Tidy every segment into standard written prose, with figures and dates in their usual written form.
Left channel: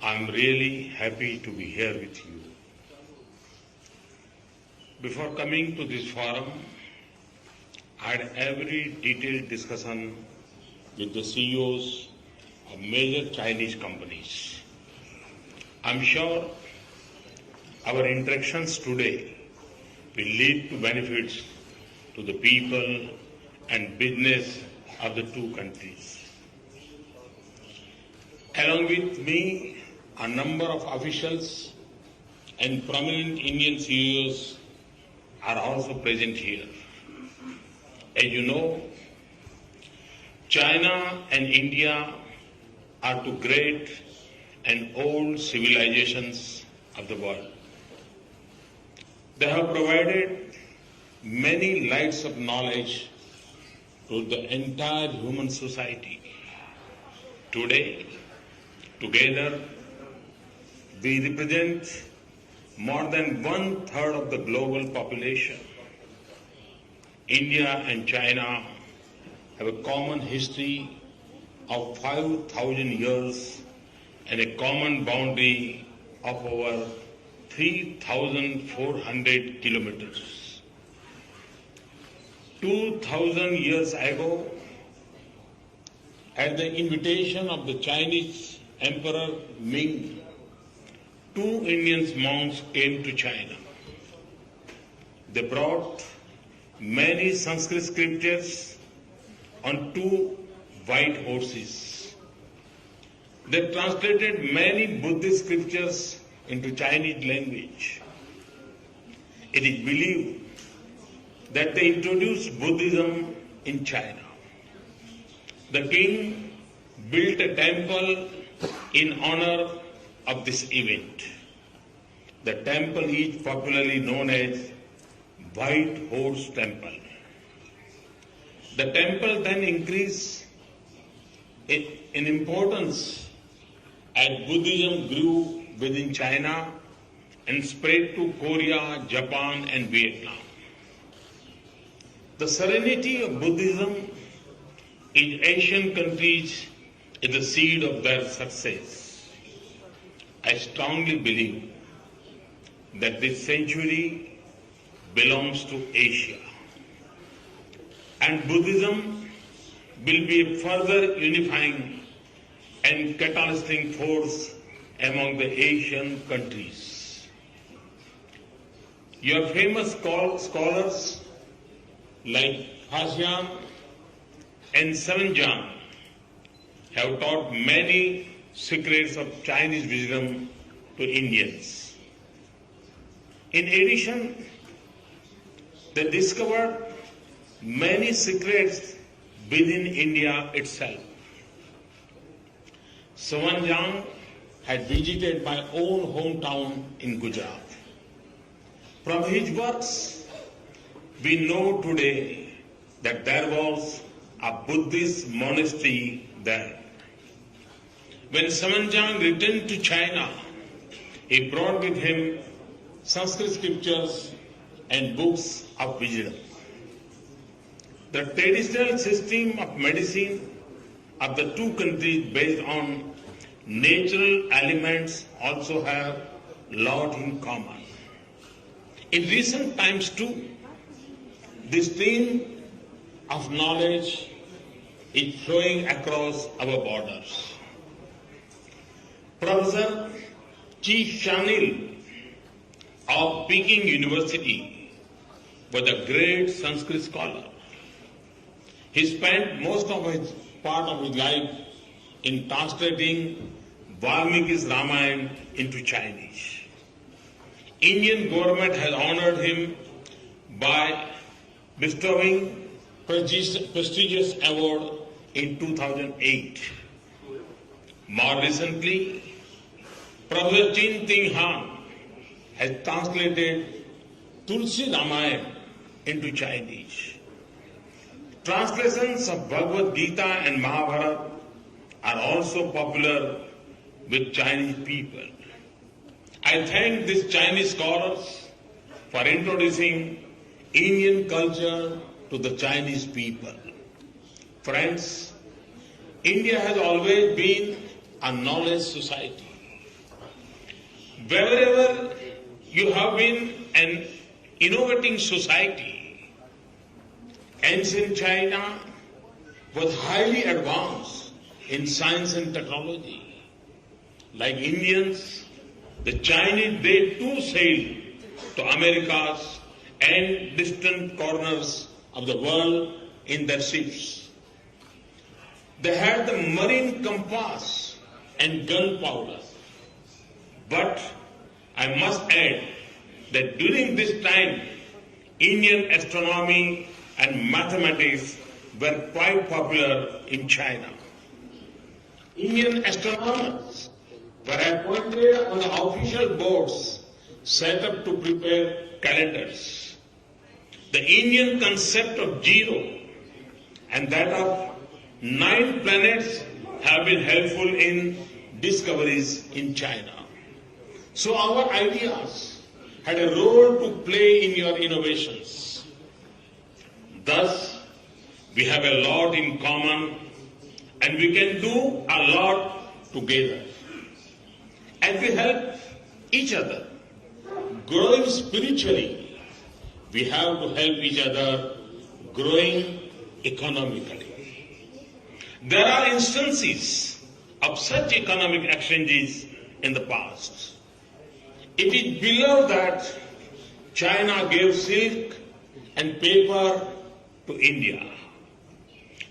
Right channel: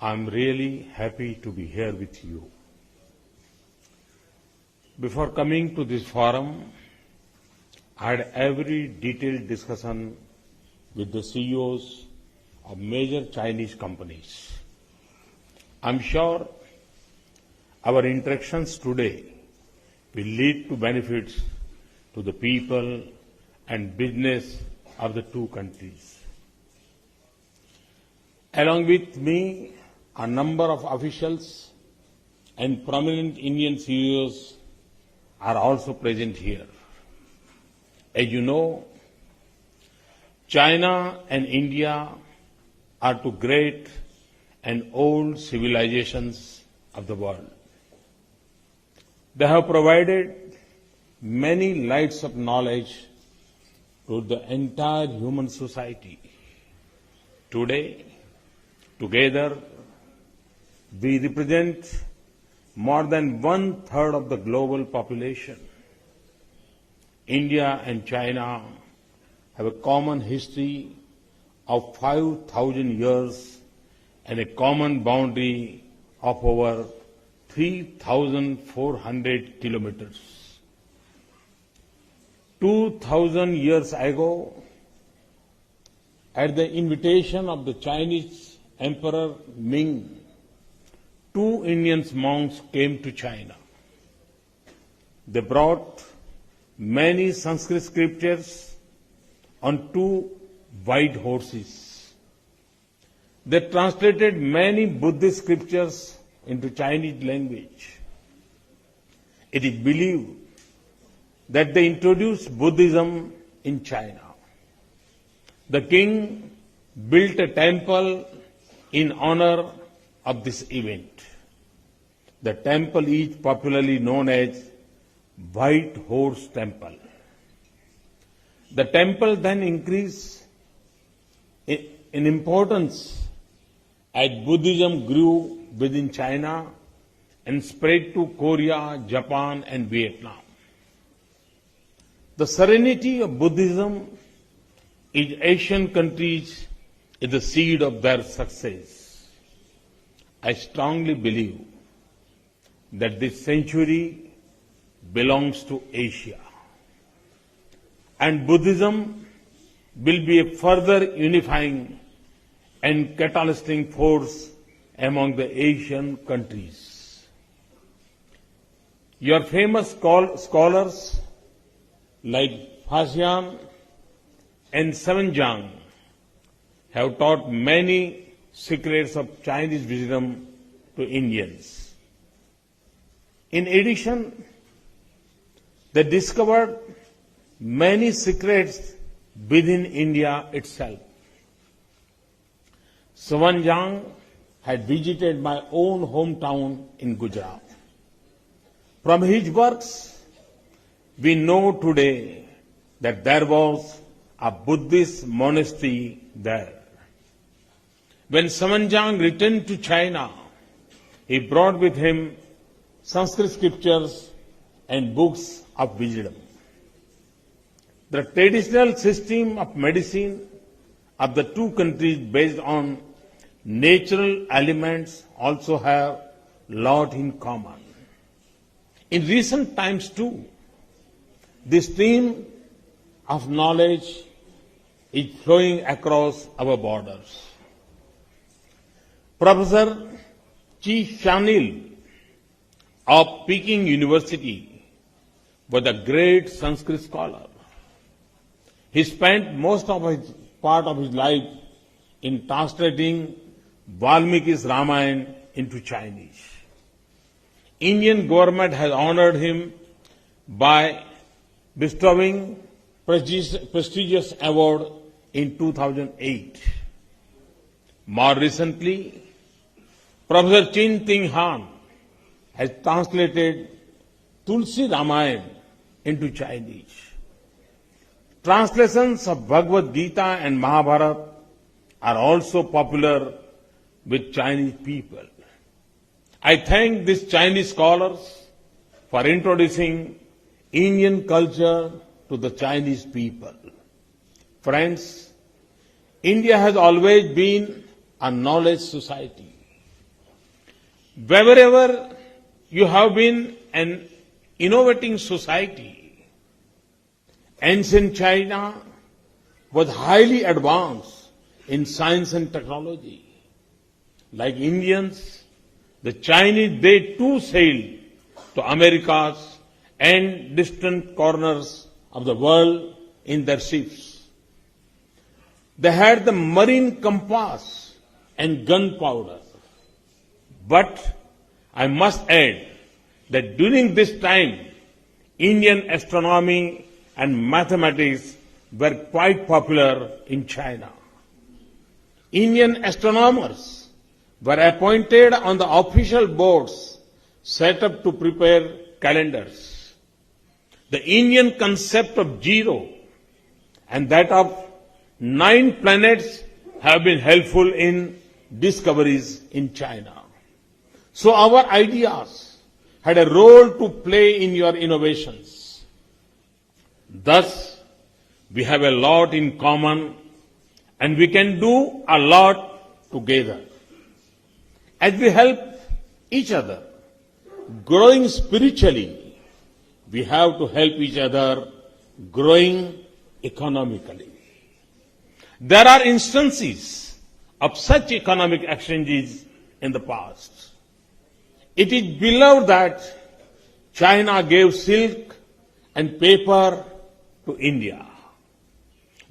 I'm really happy to be here with you. Before coming to this forum, I had every detailed discussion with the CEOs of major Chinese companies. I'm sure our interactions today will lead to benefits to the people and business of the two countries. Along with me, a number of officials and prominent Indian CEOs are also present here. As you know, China and India are two great and old civilizations of the world. They have provided many lights of knowledge to the entire human society. Today, together, we represent more than 1/3 of the global population. India and China have a common history of 5,000 years and a common boundary of over 3,400 kilometers. 2,000 years ago, at the invitation of the Chinese Emperor Ming, two Indian monks came to China. They brought many Sanskrit scriptures on two white horses. They translated many Buddhist scriptures into Chinese language. It is believed that they introduced Buddhism in China. The king built a temple in honor of this event. The temple is popularly known as White Horse Temple. The temple then increased in importance as Buddhism grew within China and spread to Korea, Japan, and Vietnam. The serenity of Buddhism in Asian countries is the seed of their success. I strongly believe that this century belongs to Asia, and Buddhism will be a further unifying and catalyzing force among the Asian countries. Your famous scholars like Fashion and Saranjang have taught many secrets of Chinese wisdom to Indians. In addition, they discovered many secrets within India itself. Saranjang had visited my own hometown in Gujarat. From his works, we know today that there was a Buddhist monastery there. When Saranjang returned to China, he brought with him Sanskrit scriptures and books of wisdom. The traditional system of medicine of the two countries based on natural elements also have a lot in common. In recent times too, this stream of knowledge is flowing across our borders. Professor Chi Shanil of Peking University was a great Sanskrit scholar. He spent most of his part of his life in translating Valmiki's Ramayana into Chinese. Indian government has honored him by bestowing prestigious award in 2008. More recently, Professor Chin Ting Han has translated Tulsi Ramayana into Chinese. Translations of Bhagavad Gita and Mahabharata are also popular with Chinese people. I thank these Chinese scholars for introducing Indian culture to the Chinese people. Friends, India has always been a knowledge society. Wherever you have been an innovating society, ancient China was highly advanced in science and technology. Like Indians, the Chinese, they too sailed to Americas and distant corners of the world in their ships. They had the marine compass and gunpowder. But I must add that during this time, Indian astronomy and mathematics were quite popular in China. Indian astronomers were appointed on the official boards set up to prepare calendars. The Indian concept of zero and that of 9 planets have been helpful in discoveries in China. So our ideas had a role to play in your innovations. Thus, we have a lot in common and we can do a lot together. As we help each other growing spiritually, we have to help each other growing economically. There are instances of such economic exchanges in the past. It is beloved that China gave silk and paper to India.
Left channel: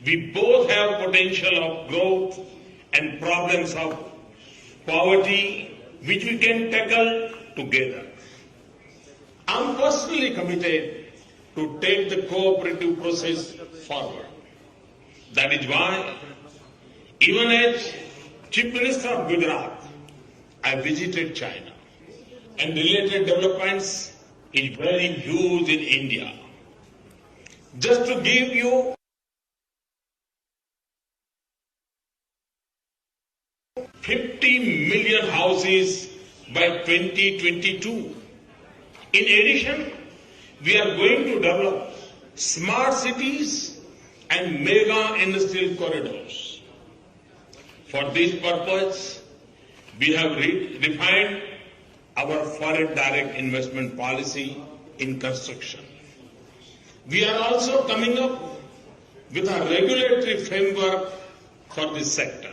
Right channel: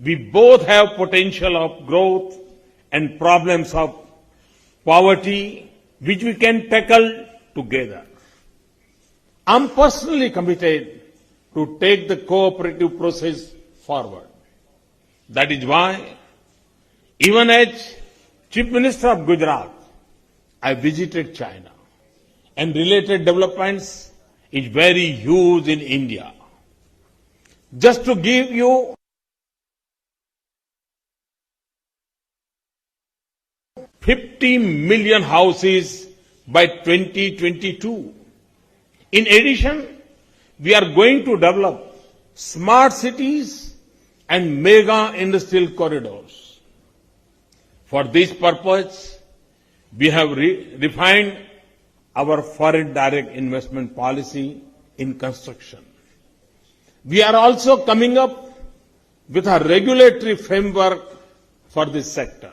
We both have potential of growth and problems of poverty which we can tackle together. I'm personally committed to take the cooperative process forward. That is why, even as Chief Minister of Gujarat, I visited China. And related developments is very huge in India. Just to give you 50 million houses by 2022. In addition, we are going to develop smart cities and mega industrial corridors. For this purpose, we have refined our foreign direct investment policy in construction. We are also coming up with a regulatory framework for this sector.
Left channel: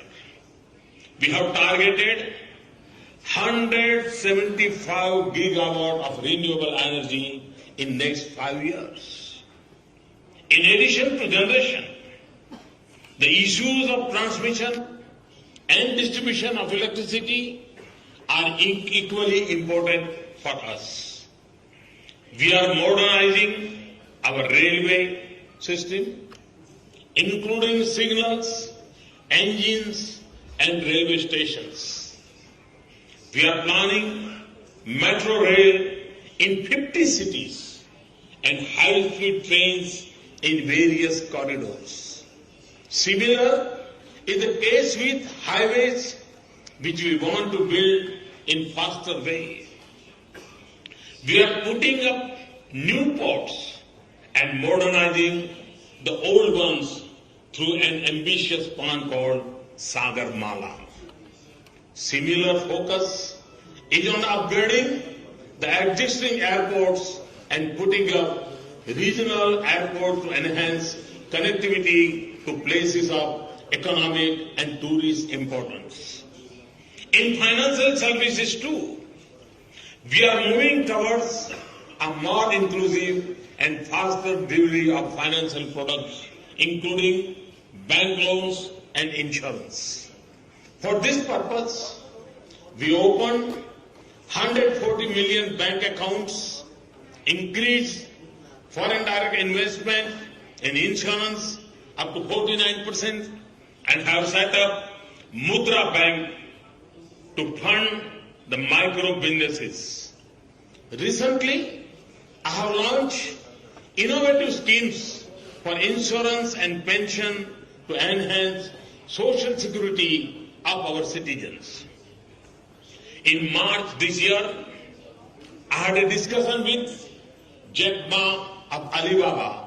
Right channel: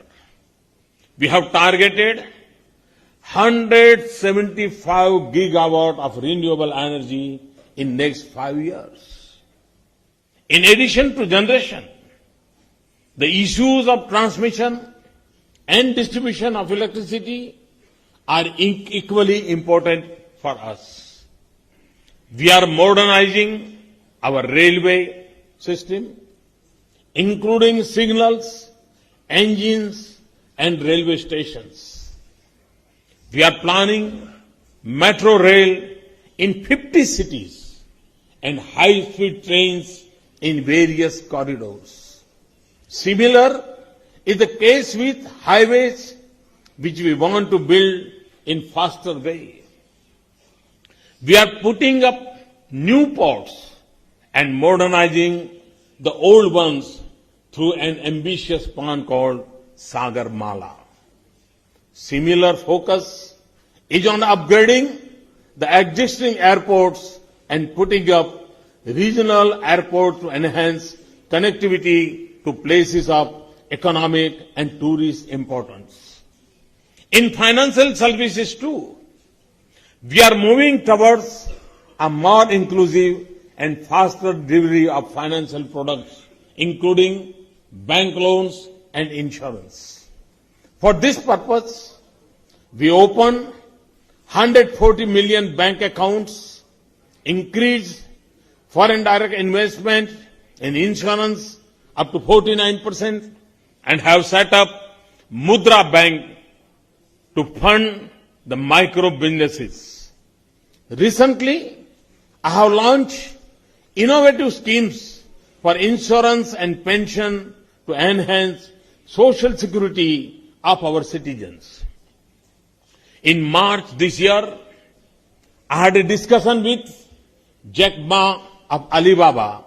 We have targeted 175 gigawatt of renewable energy in next 5 years. In addition to generation, the issues of transmission and distribution of electricity are equally important for us. We are modernizing our railway system, including signals, engines, and railway stations. We are planning metro rail in 50 cities and high-speed trains in various corridors. Similar is the case with highways, which we want to build in faster way. We are putting up new ports and modernizing the old ones through an ambitious plan called Sagar Mala. Similar focus is on upgrading the existing airports and putting up regional airports to enhance connectivity to places of economic and tourist importance. In financial services too, we are moving towards a more inclusive and faster delivery of financial products, including bank loans and insurance. For this purpose, we opened 140 million bank accounts, increased foreign direct investment in insurance up to 49%, and have set up Mudra Bank to fund the micro businesses. Recently, I have launched innovative schemes for insurance and pension to enhance social security of our citizens. In March this year, I had a discussion with Jack Ma of Alibaba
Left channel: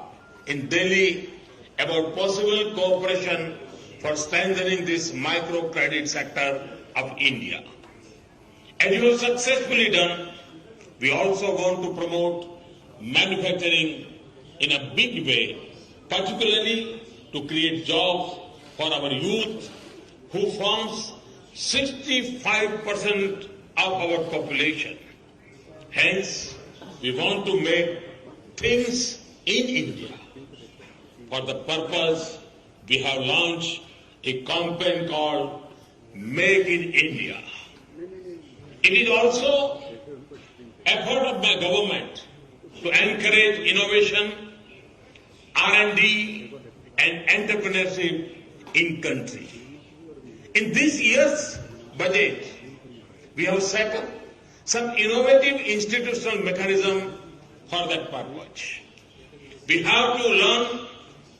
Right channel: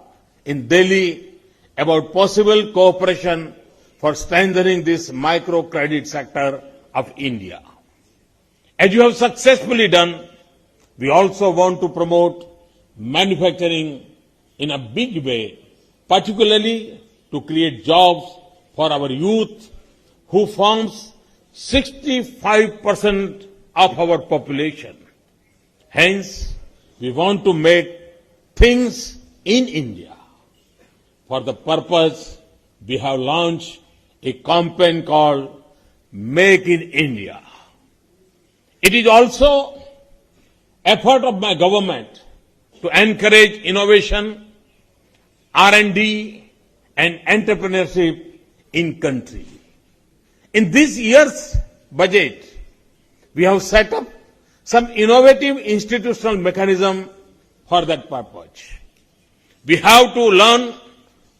in Delhi about possible cooperation for strengthening this microcredit sector of India. As you have successfully done, we also want to promote manufacturing in a big way, particularly to create jobs for our youth, who forms 65% of our population. Hence, we want to make things in India. For the purpose, we have launched a campaign called Make in India. It is also effort of my government to encourage innovation, R&D and entrepreneurship in country. In this year's budget, we have set up some innovative institutional mechanism for that purpose. We have to learn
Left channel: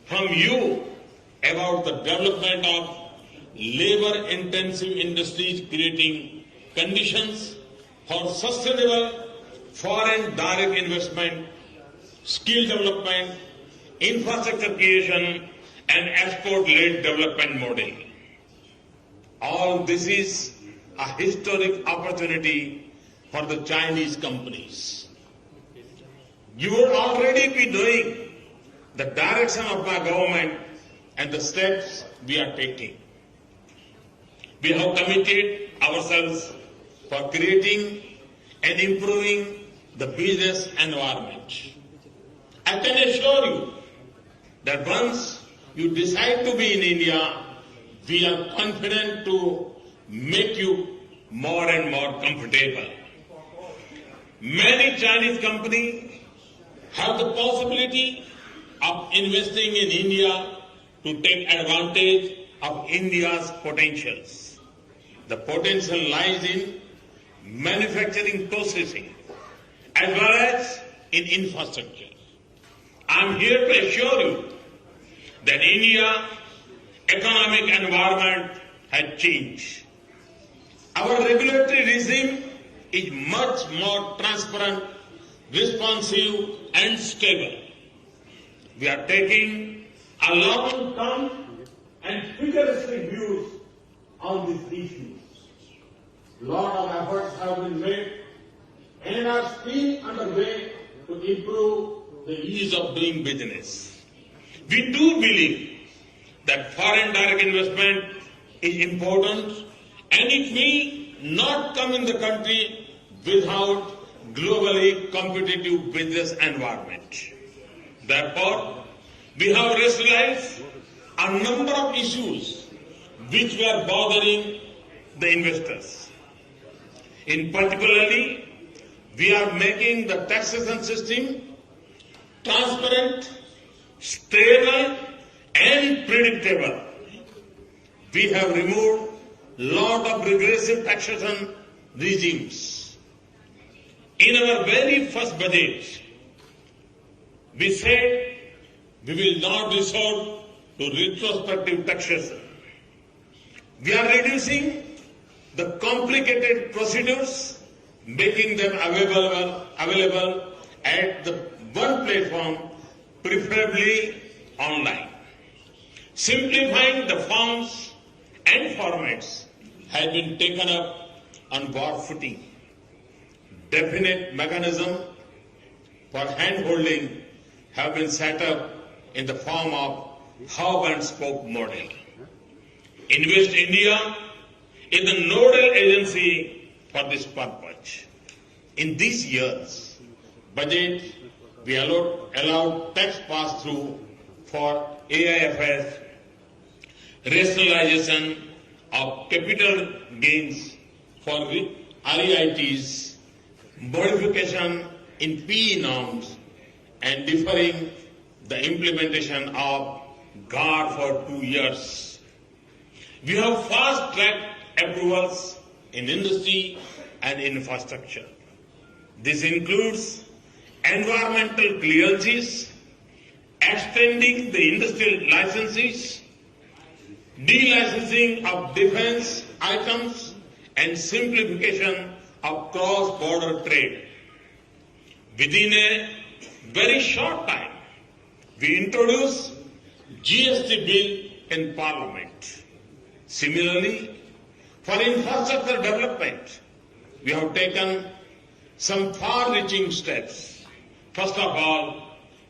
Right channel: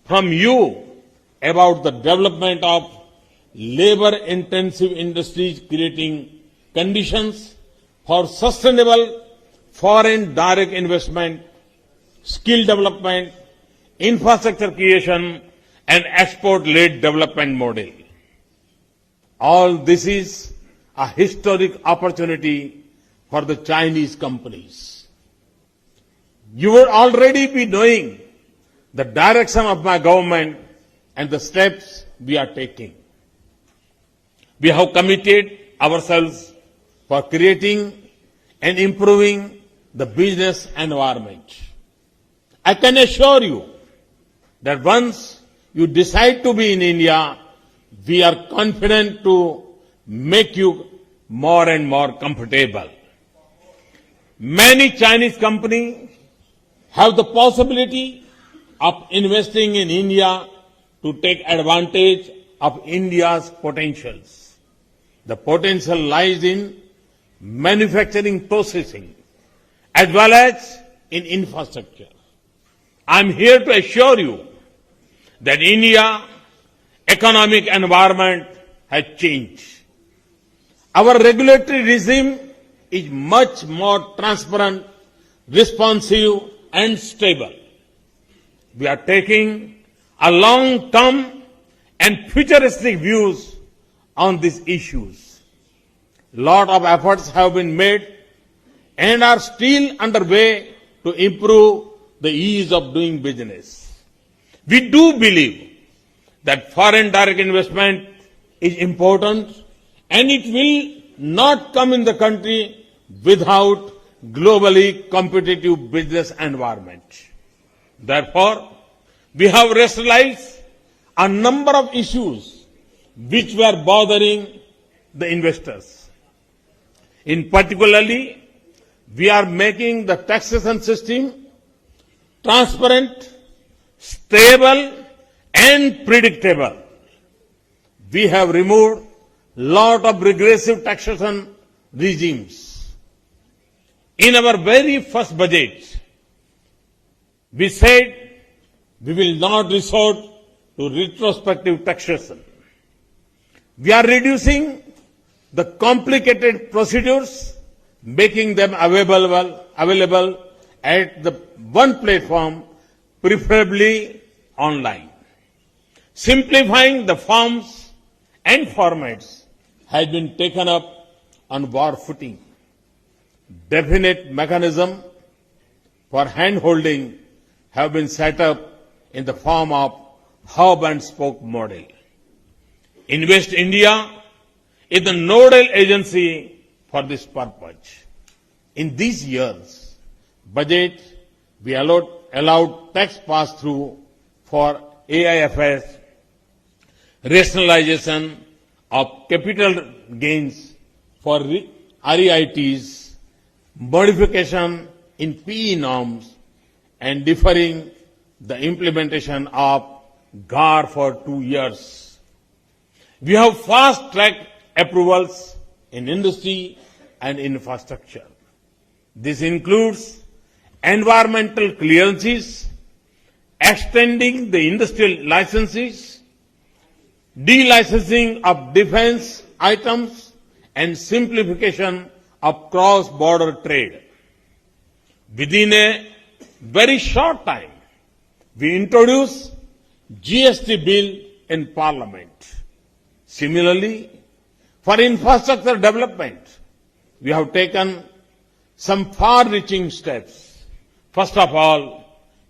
from you about the development of labor-intensive industries, creating conditions for sustainable foreign direct investment, skill development, infrastructure creation, and export-led development model. All this is a historic opportunity for the Chinese companies. You will already be knowing the direction of my government and the steps we are taking. We have committed ourselves for creating and improving the business environment. I can assure you that once you decide to be in India, we are confident to make you more and more comfortable. Many Chinese companies have the possibility of investing in India to take advantage of India's potentials. The potential lies in manufacturing processing as well as in infrastructure. I am here to assure you that India's economic environment has changed. Our regulatory regime is much more transparent, responsive and stable. We are taking a long-term and futuristic views on these issues. Lot of efforts have been made and are still underway to improve the ease of doing business. We do believe that foreign direct investment is important and it will not come in the country without globally competitive business environment. Therefore, we have rationalized a number of issues which were bothering the investors. In particularly, we are making the taxation system transparent, stable and predictable. We have removed lot of regressive taxation regimes. In our very first budget, we said we will not resort to retrospective taxation. We are reducing the complicated procedures, making them available at the one platform, preferably online. Simplifying the forms and formats has been taken up on war footing. Definite mechanism for hand-holding have been set up in the form of hub and spoke model. Invest India is the nodal agency for this purpose. In these years, budget we allowed tax pass-through for AIFs, rationalization of capital gains for REITs, modification in PE norms, and deferring the implementation of GAR for 2 years. We have fast-tracked approvals in industry and infrastructure. This includes environmental clearances, extending the industrial licenses, delicensing of defense items, and simplification of cross-border trade. Within a very short time, we introduced GST bill in Parliament. Similarly, for infrastructure development, we have taken some far-reaching steps. First of all,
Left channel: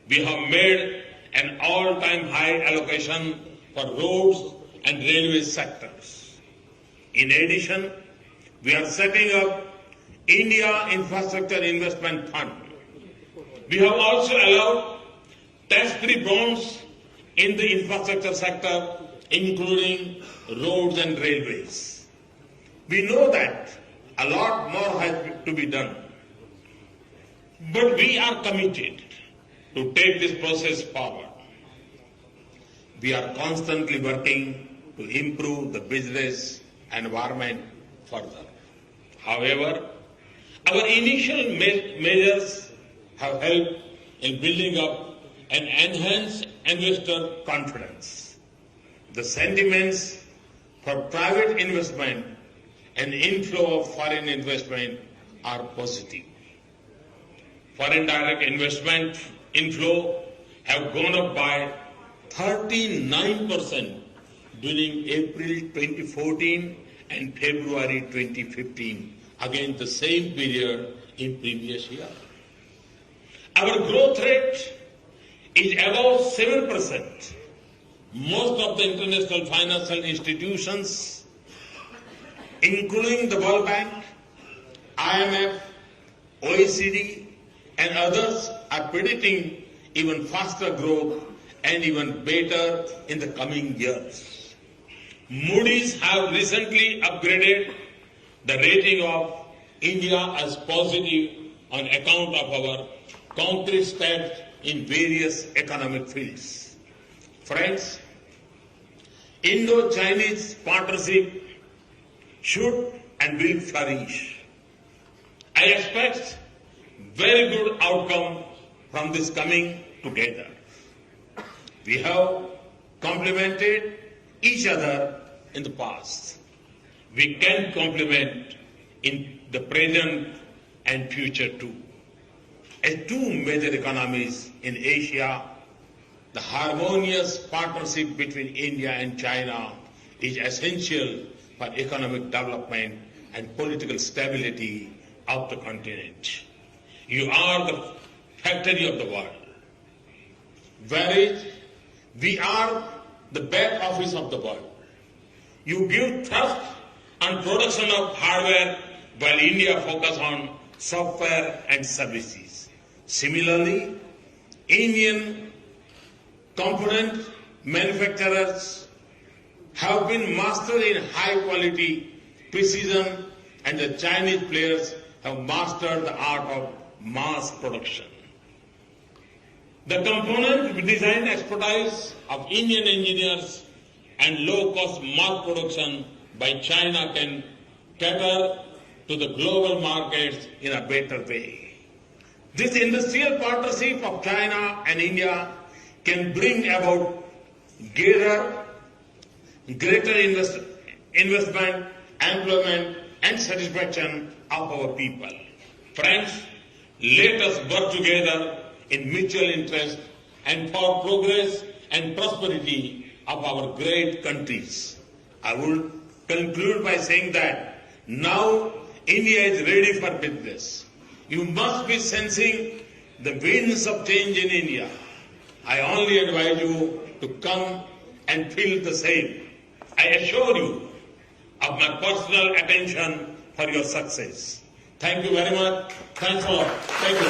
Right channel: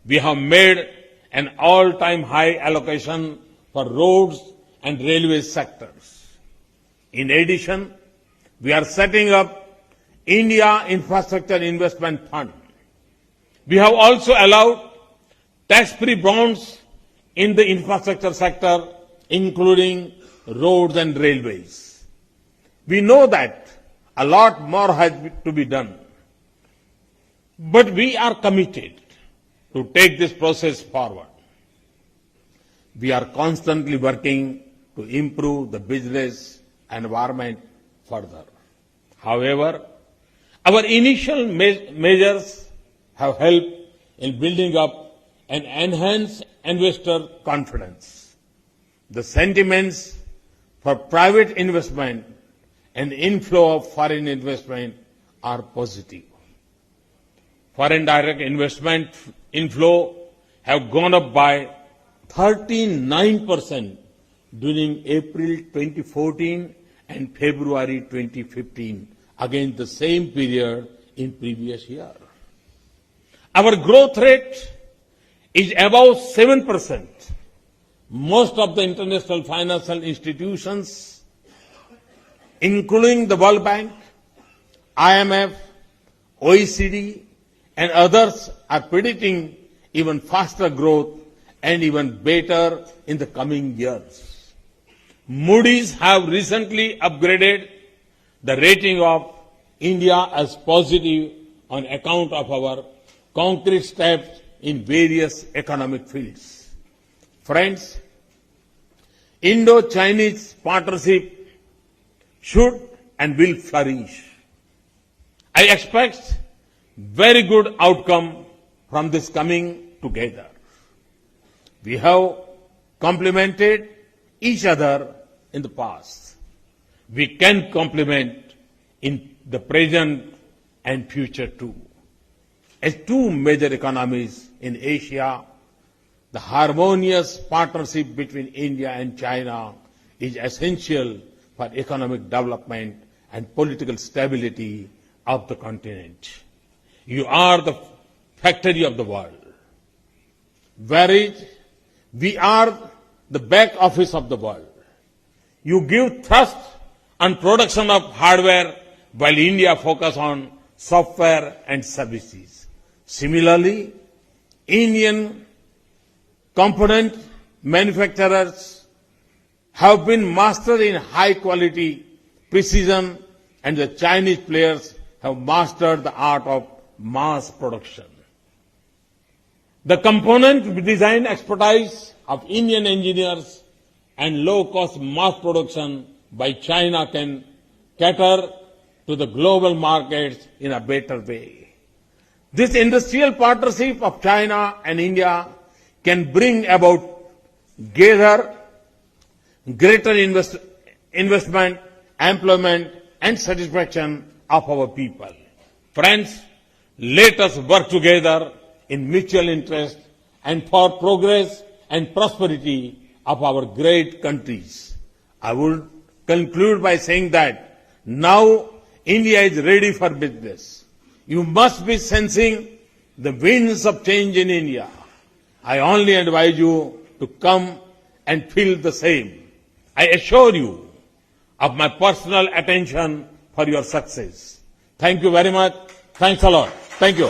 we have made an all-time high allocation for roads and railway sectors. In addition, we are setting up India Infrastructure Investment Fund. We have also allowed tax-free bonds in the infrastructure sector, including roads and railways. We know that a lot more has to be done, but we are committed to take this process forward. We are constantly working to improve the business environment further. However, our initial measures have helped in building up and enhance investor confidence. The sentiments for private investment and inflow of foreign investment are positive. Foreign direct investment inflow have gone up by 39% during April 2014 and February 2015 against the same period in previous year. Our growth rate is above 7%. Most of the international financial institutions, including the World Bank, IMF, OECD, and others, are predicting even faster growth and even better in the coming years. Moody's have recently upgraded the rating of India as positive on account of our concrete steps in various economic fields. Friends, Indo-Chinese partnership should and will flourish. I expect very good outcome from this coming together. We have complemented each other in the past. We can complement in the present and future too. As two major economies in Asia, the harmonious partnership between India and China is essential for economic development and political stability of the continent. You are the factory of the world, whereas we are the back office of the world. You give thrust on production of hardware while India focuses on software and services. Similarly, Indian component manufacturers have been mastered in high quality precision, and the Chinese players have mastered the art of mass production. The component design expertise of Indian engineers and low-cost mass production by China can cater to the global markets in a better way. This industrial partnership of China and India can bring about greater investment, employment, and satisfaction of our people. Friends, let us work together in mutual interest and for progress and prosperity of our great countries. I would conclude by saying that now India is ready for business. You must be sensing the winds of change in India. I only advise you to come and feel the same. I assure you of my personal attention for your success. Thank you very much. Thanks a lot. Thank you.